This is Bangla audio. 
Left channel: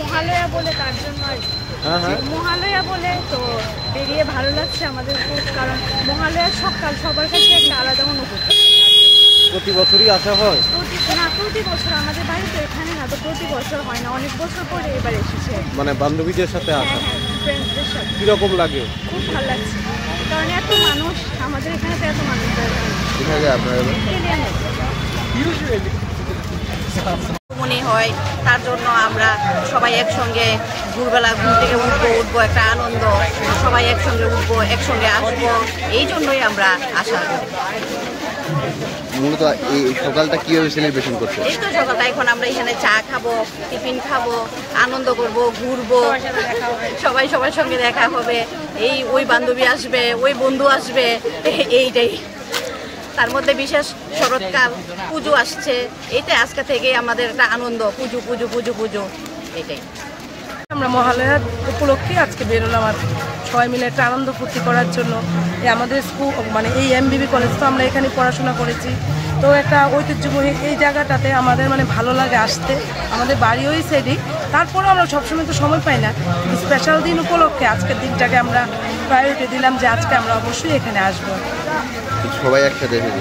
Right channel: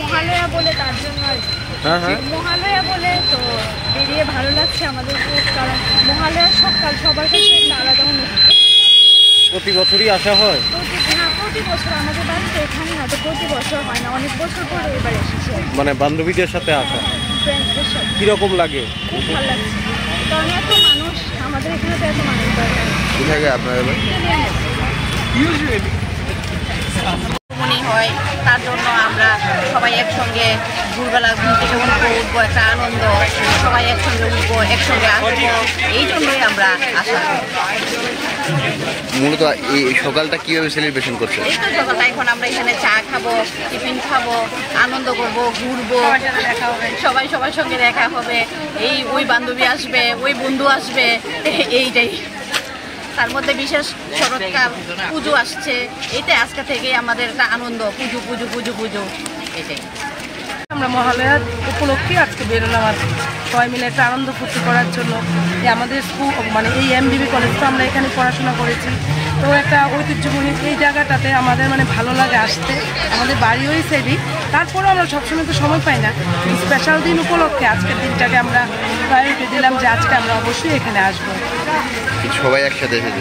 মহালয়া বলে তার জন্য মহালয়া বলে তো বেরিয়ে ভালো লাগছে আমাদের খুব, কারণ মহালয়ার সকাল সবার কাছে একটা আলাদা অনুভূতি। প্রতি বছরই আসা হয়? প্রতি বছর আমাদের বাড়িতে এখানে না, তো প্রতি বছর হয় না, অনেক বছর পরে এবার এসেছি। মানে বান্ধবীদের সাথে আসা? ফ্রেন্ডসদের সাথে। কিরকম লাগে? খুব ভালো লাগছে, কারণ এত মানুষ, আমাদের এখানে তো এত মানুষ হয়, তার জন্য আমরা সবাই একসঙ্গে ভোরবেলা ঘুম থেকে উঠবো, একটা আনন্দ, সবাই একসঙ্গে উঠবো, একসঙ্গে আসবো, এই জন্যই আমরা আসা করি। মূলত এই সকালটা কিভাবে সেলিব্রেশন করছে? এই তো সকালটা এখন আমরা এখানে চা খাবো, টিফিন খাবো, আনন্দ করবো, ঘুরবো, সবাই সবার সঙ্গে দেখা হবে, ওই বান্ধবী আসবে, ওই বন্ধু আসবে, এইটাই। তার মধ্যে বিশেষ শরৎকাল পুজো আসছে, এইটা আজকে থেকেই আমাদের একটা আনন্দ, পুজো পুজো পুজো পুজো, এটাই। আমরা মহালয়ার উপলক্ষে আজকে বেরোলাম আর সবাই মিলে একটা আনন্দ ফুর্তি করার জন্য। আমাদের স্কুল মানে এই এমবিবি কলেজ, তো আমরা এখানে পড়াশোনা করেছি, তো একটা ঐতিহ্যময় এই জায়গাটাতে আমাদের মানে ভালো লাগে আসতে। আমাদের বাড়ি ওই সাইডেই, তারপরেও আমরা সবসময় তো সময় পাই না, স্পেশাল দিন উপলক্ষে আজকের দিনটাকে আমরা প্রায়োরিটি দিলাম যে আজকে আমরা অবশ্যই এখানে আসবো। সবাই একসাথে এসেছি।